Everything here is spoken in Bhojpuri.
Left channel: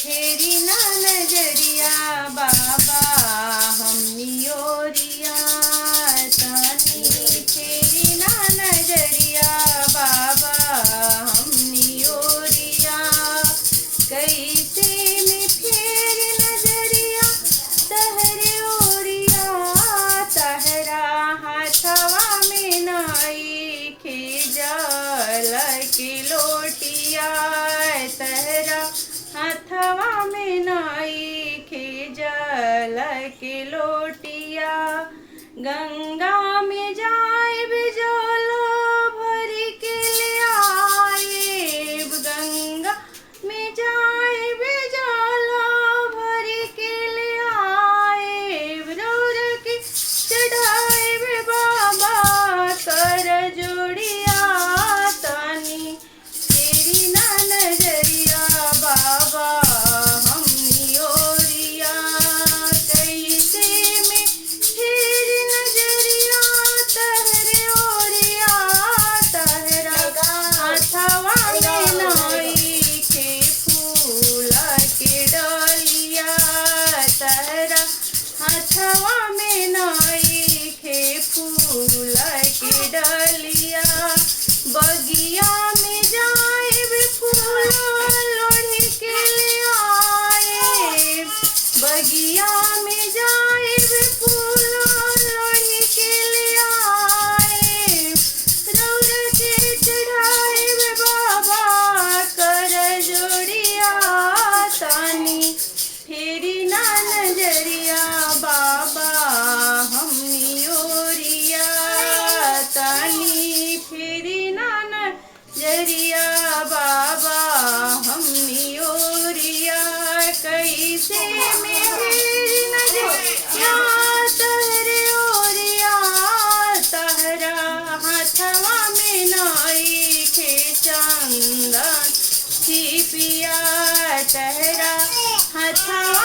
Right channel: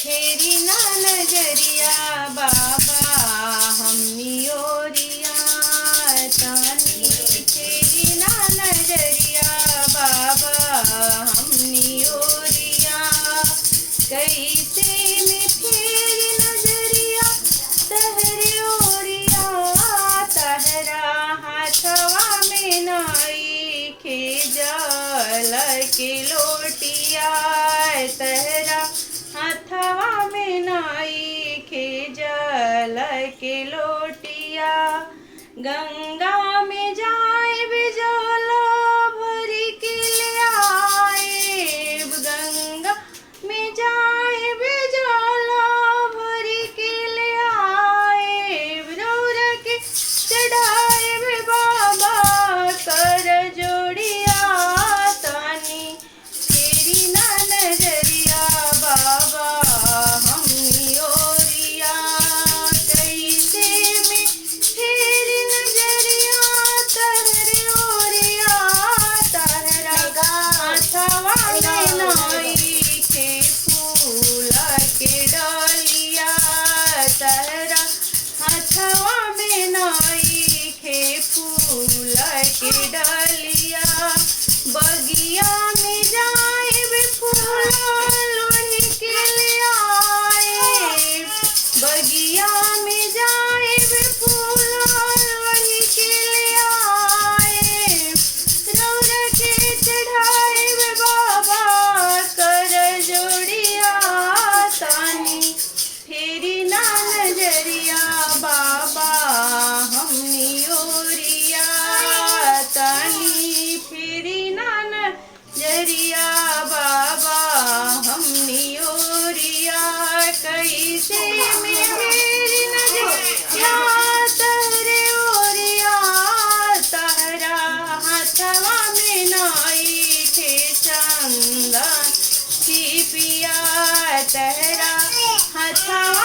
फेरी ना नजरिया बाबा हमनी ओरिया तानी फेरी ना नजरिया बाबा हमनी ओरिया कैसे में फेर नजरिया तहरे ओरिया तहरा हाथवा में नाई खे जल के लोटिया तहरा हाथवा में नाई खे जल के लोटिया गंगा में जाए बिजोला भरी के ले आए गंगा में जाए बिजोला भरी के ले आए रौर के चढ़ाए बाबा कर जोड़िया तानी तेरी ना नजरिया बाबा हमनी ओरिया कैसे में फेर नजरिया तहरे ओरिया तहरा हाथवा में नाई खे फूल के डलिया तहरा हाथवा में नाई खे फूल के डलिया बगिया में जाए फूल लोढ़ी के ले आए बगिया में जाए फूल लोढ़ी के ले आए रौर के चढ़ाए बाबा कर जोड़िया तानी फेरी ना नजरिया बाबा हमनी ओरिया तानी फेरी ना नजरिया बाबा हमनी ओरिया कैसे में फेरी नजरिया तहरे ओरिया तहरा हाथवा में नाई खे चंदन की पिया तहरा हाथवा